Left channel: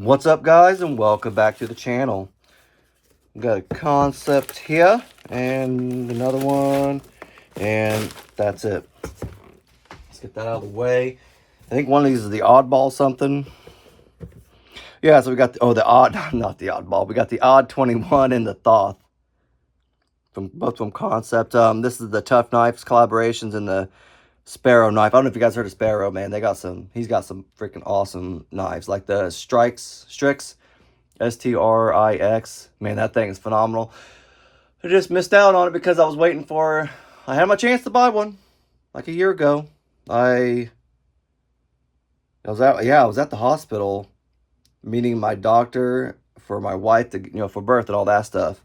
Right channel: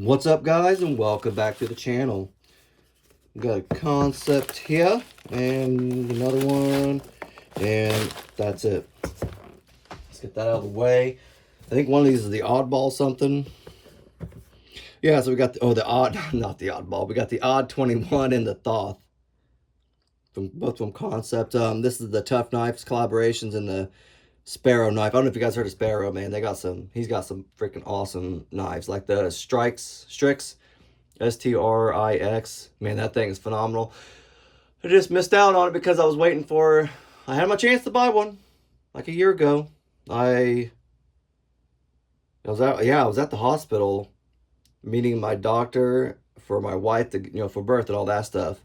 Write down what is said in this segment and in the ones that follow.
What's up, guys, and welcome back to the channel. We got a Kansept here and another one, and that's it. Let's get that out of the way. I think one of these is the oddball something. Yeah, so we got not the oddball. We got the Odd21 and the Thoth both from Kansept. This is the Tough Knives collaborations and the Sparrow knife. I don't know if you guys heard of Sparrow, man. He's got some freaking awesome knives, like the Strix, S-T-R-I-X. Man, that thing is phenomenal. I just missed out on it because I had my chance to buy one like a year ago. I was at the hospital meeting my doctor for my wife for birth and all that stuff.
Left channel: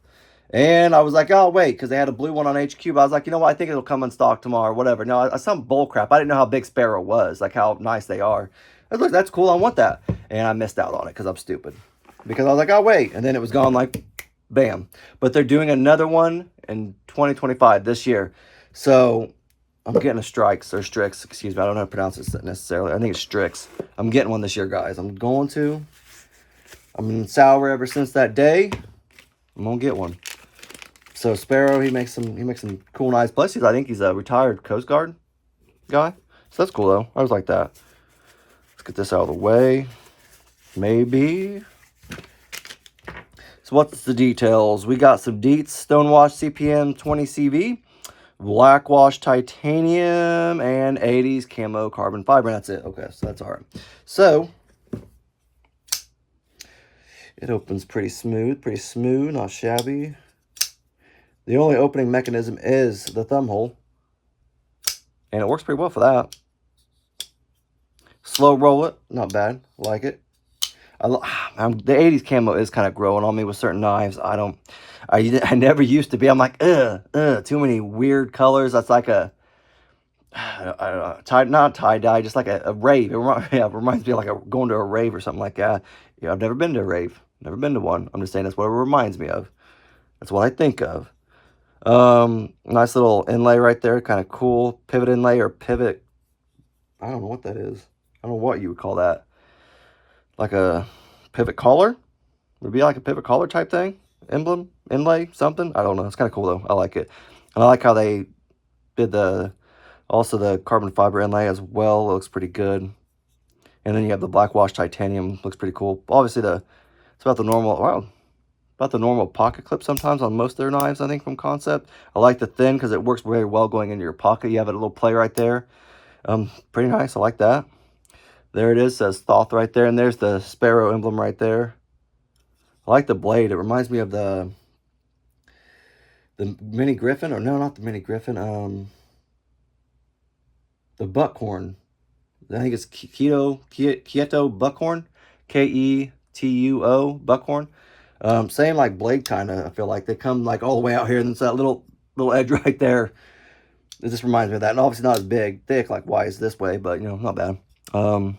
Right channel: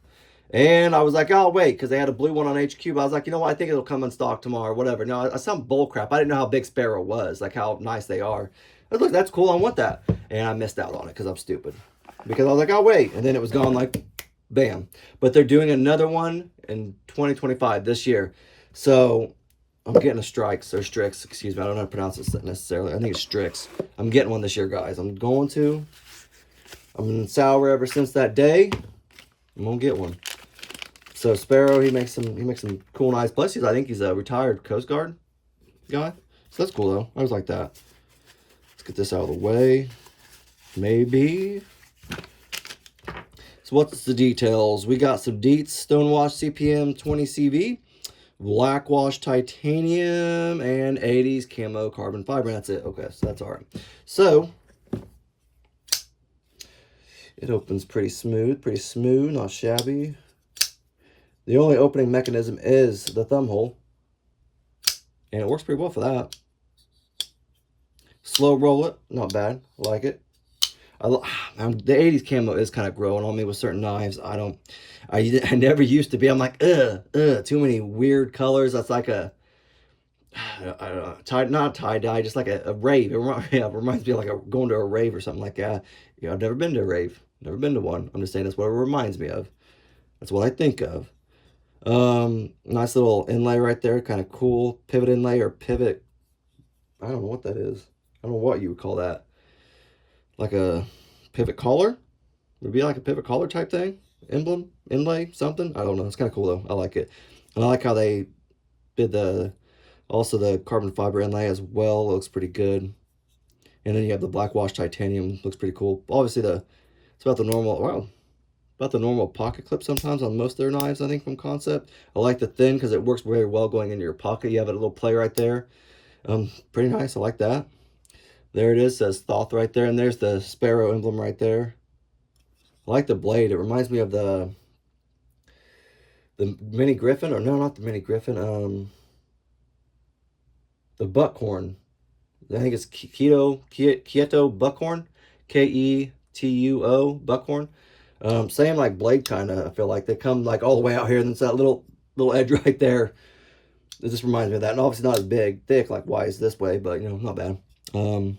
And I was like, oh, wait, because they had a blue one on HQ. But I was like, you know what? I think it'll come in stock tomorrow or whatever. No, I some bull crap. I didn't know how big Sparrow was, like how nice they are. I was like, that's cool. I want that. And I missed out on it because I'm stupid. Because I was like, oh, wait. And then it was gone like, bam. But they're doing another one in 2025 this year. So I'm getting a Strix, excuse me. I don't know how to pronounce it necessarily. I think it's Strix. I'm getting one this year, guys. I've been sour ever since that day. I'm going to get one. So Sparrow, he makes some cool knives. Plus, I think he's a retired Coast Guard guy. So that's cool though. I was like that. Let's get this out of the way. Maybe. So what's the details? We got some Dietz Stonewash CPM 20CV, Blackwash Titanium, and 80s Camo Carbon Fiber. And that's it. Okay, so that's all right. So it opens pretty smooth, not shabby. The only opening mechanism is the thumb hole, and it works pretty well for that. Slow roll it, not bad, like it. The 80s camo is kind of growing on me with certain knives. I never used to be. I'm like, too many weird colors. That's like I don't know, not tie-dye, just like a rave. It reminds me of like going to a rave or something like that. Yeah, I've never been to a rave, never been to one. I'm just saying that's what it reminds me of. That's what I think of. Nice little inlay right there, kind of cool. Pivot inlay or pivot, I don't know what that is. I don't know what you would call that. Like a pivot collar? Would it be like a pivot collar type thing? Emblem, inlay, something? I don't know. It's kind of cool though. I like it. And I like how they did also the carbon fiber inlay as well. It looks pretty good. And then you have the Blackwash Titanium. Looks pretty cool. Obviously it's about the normal pocket clip sometimes on most of their knives, I think, from Kansept. I like the thin because it works very well going into your pocket. You have a little play right there. Pretty nice. I like that. There it is. Says Thoth right there. And there's the Sparrow emblem right there. I like the blade. It reminds me of the Mini Griffin. Or no, not the Mini Griffin. The Buckhorn. I think it's Kieto Buckhorn. K-E-T-U-O Buckhorn. Same like blade kind of. I feel like they come like all the way out here, and it's that little edge right there. It just reminds me of that. And obviously not as big, thick like wise this way, but not bad. So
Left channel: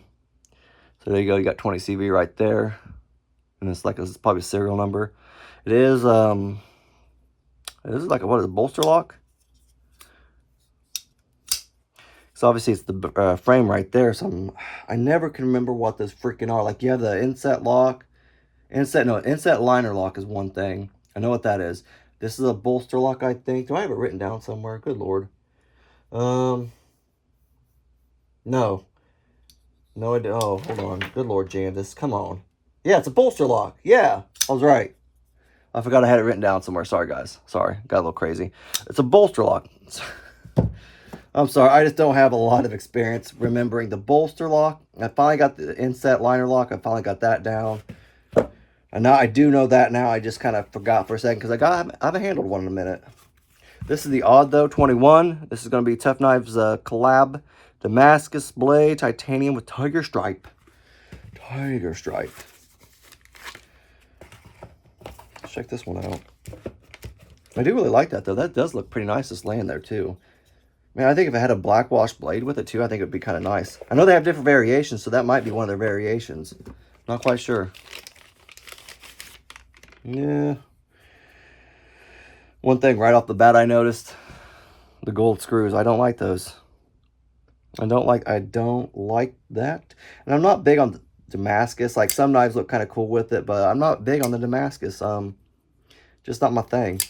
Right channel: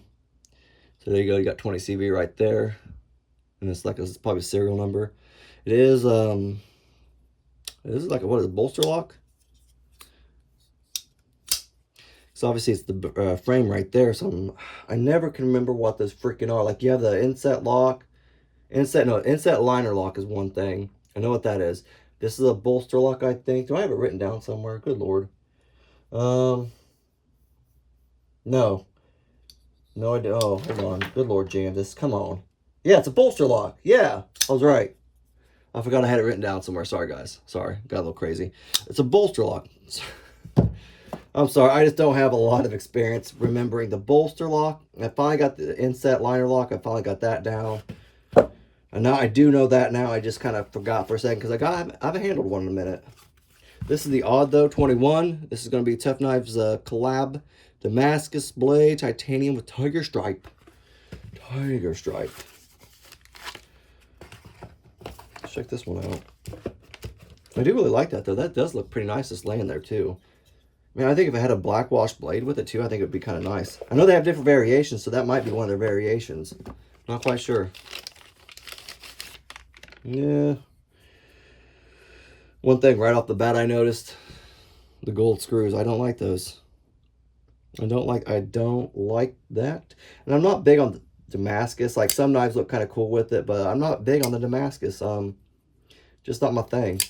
there you go. You got 20 CV right there, and it's probably a serial number. It is like what is it, bolster lock? So obviously it's the frame right there. So I never can remember what those freaking are. Like you have the inset lock. Inset liner lock is one thing. I know what that is. This is a bolster lock, I think. Do I have it written down somewhere? Good Lord. No. No, I do. Oh, hold on. Good Lord, Jandis. Come on. Yeah, it's a bolster lock. Yeah, I was right. I forgot I had it written down somewhere. Sorry, guys. Sorry. Got a little crazy. It's a bolster lock. I'm sorry. I just don't have a lot of experience remembering the bolster lock. I finally got the inset liner lock. I finally got that down. And now I do know that now. I just kind of forgot for a second because I haven't handled one in a minute. This is the Odd21. This is going to be Tough Knives collab. Damascus blade, titanium with tiger stripe. Tiger stripe. Let's check this one out. I do really like that though. That does look pretty nice just laying there too. Man, I think if I had a Blackwash blade with it too, I think it would be kind of nice. I know they have different variations, so that might be one of their variations. Not quite sure. Yeah. One thing right off the bat I noticed, the gold screws. I don't like those. I don't like that. And I'm not big on Damascus. Like some knives look kind of cool with it, but I'm not big on the Damascus. Just not my thing.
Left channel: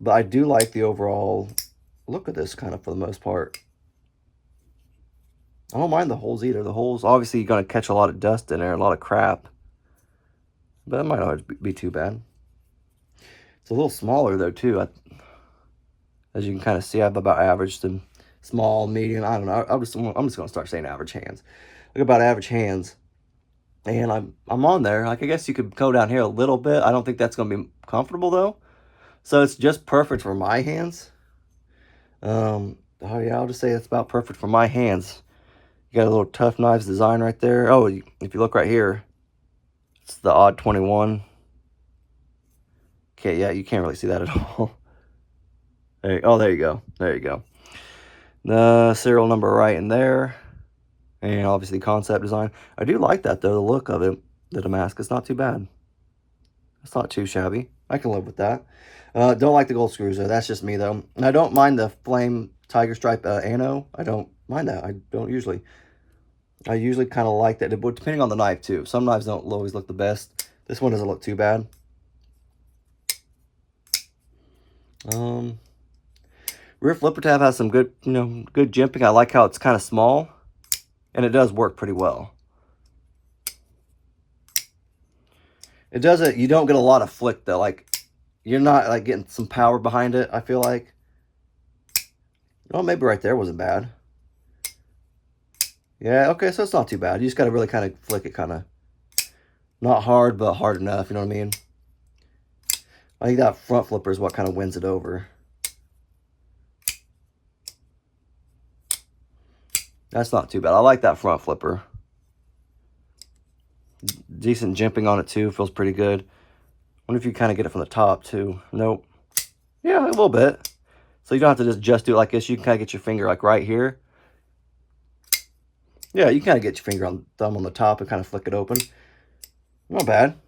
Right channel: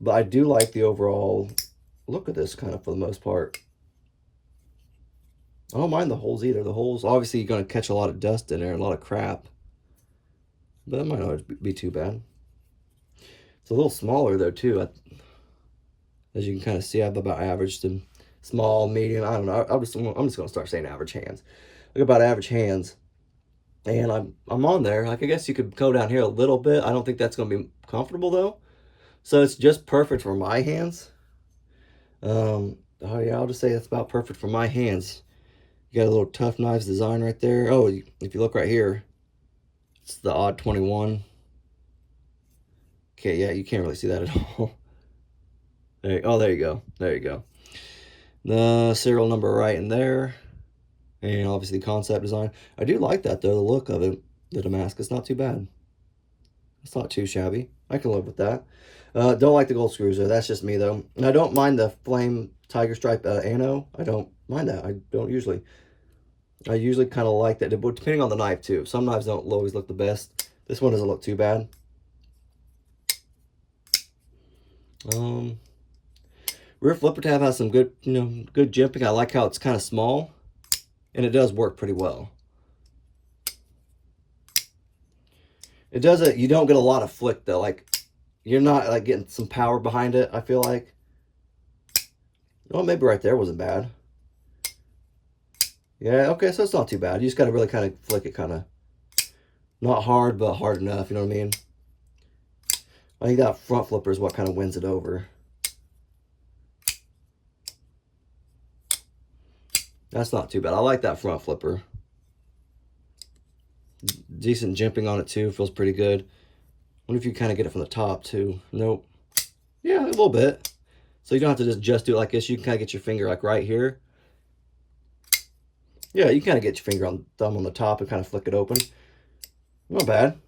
But I do like the overall look of this kind of for the most part. I don't mind the holes either. The holes, obviously, you're going to catch a lot of dust in there, a lot of crap. But it might not be too bad. It's a little smaller, though, too. As you can kind of see, I've about averaged them small, medium. I don't know. I'm just going to start saying average hands. Look about average hands. And I'm on there. Like, I guess you could go down here a little bit. I don't think that's going to be comfortable, though. So it's just perfect for my hands. Oh, yeah, I'll just say it's about perfect for my hands. You got a little Tough Knives design right there. Oh, if you look right here, it's the Odd21. Okay, yeah, you can't really see that at all. Oh, there you go. There you go. The serial number right in there. And obviously concept design. I do like that, though, the look of it. The Damascus, not too bad. It's not too shabby. I can live with that. Don't like the gold screws, though. That's just me, though. And I don't mind the flame tiger stripe ano. I don't mind that. I don't usually. I usually kind of like that, but depending on the knife, too. Some knives don't always look the best. This one doesn't look too bad. Rear flipper tab has some good, good jimping. I like how it's kind of small, and it does work pretty well. It doesn't, you don't get a lot of flick, though. Like, you're not, like, getting some power behind it, I feel like. Oh, maybe right there wasn't bad. Yeah, okay, so it's not too bad. You just got to really kind of flick it kind of. Not hard, but hard enough, you know what I mean? I think that front flipper is what kind of wins it over. That's not too bad. I like that front flipper. Decent jimping on it, too. Feels pretty good. Wonder if you kind of get it from the top, too. Nope. Yeah, a little bit. So you don't have to just do it like this. You can kind of get your finger, like, right here. Yeah, you kind of get your finger on thumb on the top and kind of flick it open. Not bad.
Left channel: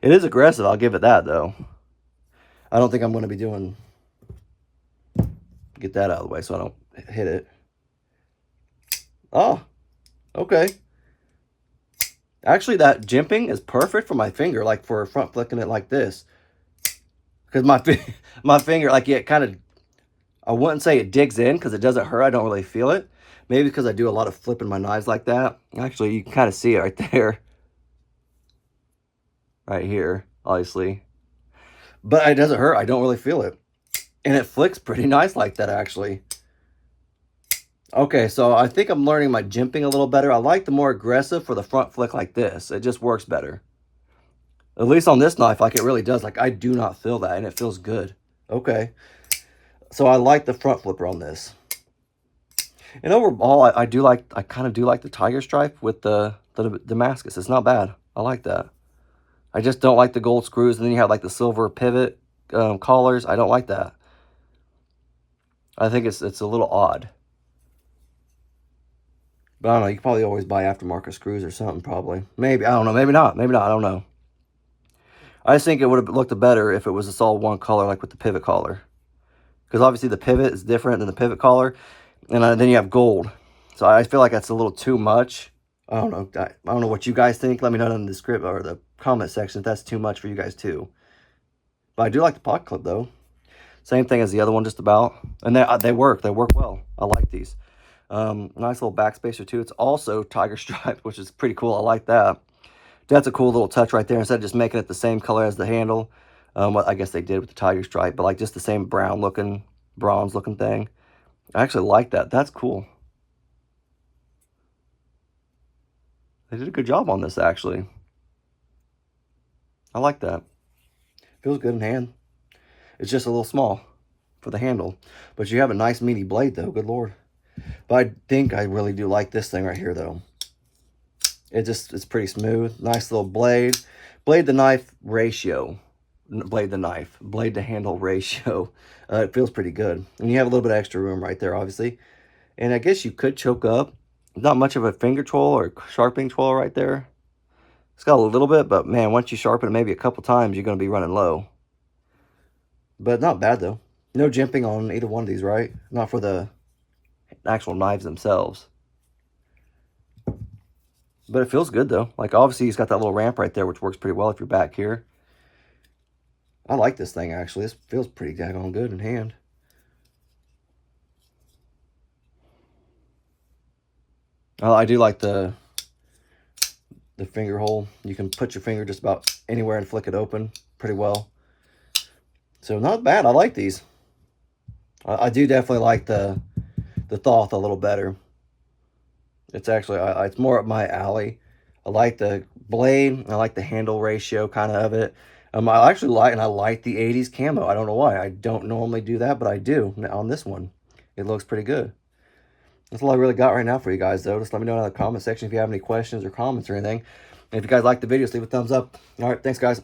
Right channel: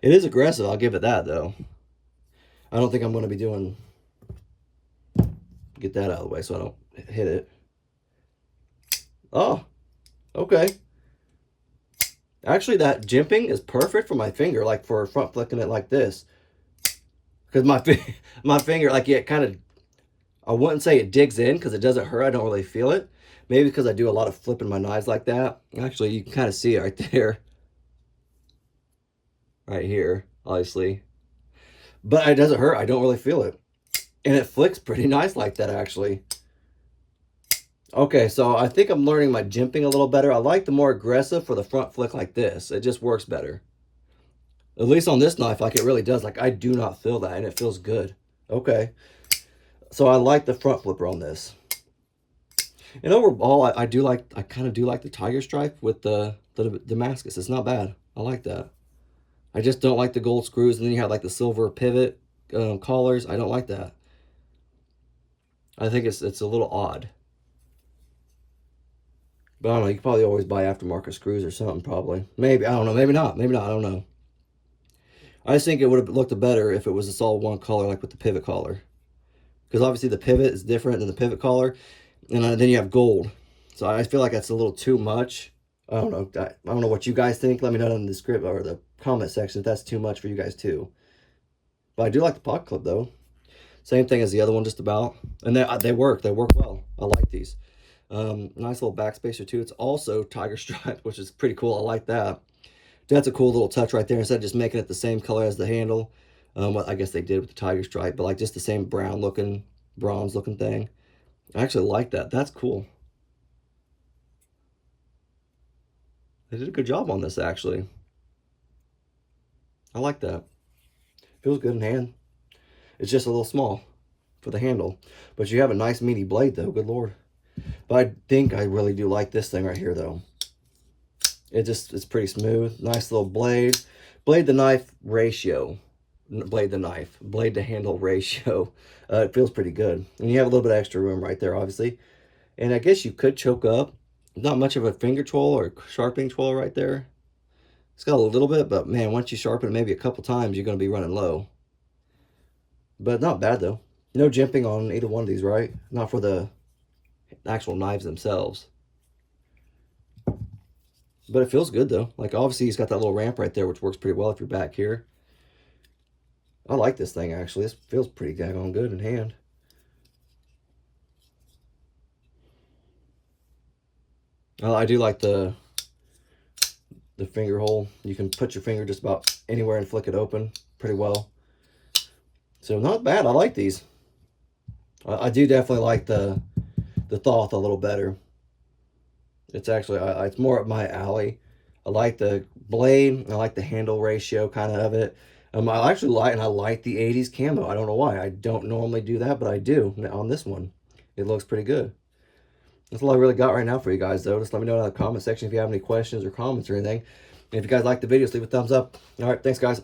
It is aggressive. I'll give it that, though. I don't think I'm going to be doing... Get that out of the way so I don't hit it. Oh, okay. Actually, that jimping is perfect for my finger, like for front flicking it like this. Because my finger, like it kind of... I wouldn't say it digs in because it doesn't hurt. I don't really feel it. Maybe because I do a lot of flipping my knives like that. Actually, you can kind of see it right there. Right here, obviously. But it doesn't hurt. I don't really feel it. And it flicks pretty nice like that, actually. Okay, so I think I'm learning my jimping a little better. I like the more aggressive for the front flick like this. It just works better. At least on this knife, like it really does. Like I do not feel that, and it feels good. Okay. So I like the front flipper on this. And overall, I kind of do like the tiger stripe with the Damascus. It's not bad. I like that. I just don't like the gold screws. And then you have like the silver pivot collars. I don't like that. I think it's a little odd. But I don't know. You can probably always buy aftermarket screws or something, probably. Maybe. I don't know. Maybe not. Maybe not. I don't know. I just think it would have looked better if it was just all one color, like with the pivot collar. Because obviously the pivot is different than the pivot collar. And then you have gold. So I feel like that's a little too much. I don't know. I don't know what you guys think. Let me know in the script or the comment section if that's too much for you guys too. But I do like the pocket clip though. Same thing as the other one just about. And they work. They work well. I like these. Nice little backspacer too. It's also tiger stripe, which is pretty cool. I like that. That's a cool little touch right there. Instead of just making it the same color as the handle. What I guess they did with the tiger stripe. But like just the same brown looking, bronze looking thing. I actually like that. That's cool. They did a good job on this, actually. I like that. Feels good in hand. It's just a little small for the handle. But you have a nice meaty blade, though. Good Lord. But I think I really do like this thing right here, though. It's pretty smooth. Nice little blade. Blade to knife ratio. Blade to handle ratio. It feels pretty good. And you have a little bit of extra room right there, obviously. And I guess you could choke up. Not much of a finger twirl or sharpening twirl right there. It's got a little bit, but man, once you sharpen it maybe a couple times, you're going to be running low. But not bad, though. No jimping on either one of these, right? Not for the actual knives themselves. But it feels good, though. Like, obviously, he's got that little ramp right there, which works pretty well if you're back here. I like this thing, actually. This feels pretty daggone good in hand. I do like the finger hole. You can put your finger just about anywhere and flick it open pretty well. So not bad. I like these. I do definitely like the Thoth a little better. It's actually, it's more up my alley. I like the blade. I like the handle ratio kind of it. I actually like, and I like the 80s camo. I don't know why. I don't normally do that, but I do on this one. It looks pretty good. That's all I really got right now for you guys, though. Just let me know in the comment section if you have any questions or comments or anything. And if you guys like the video, just leave a thumbs up. All right, thanks, guys.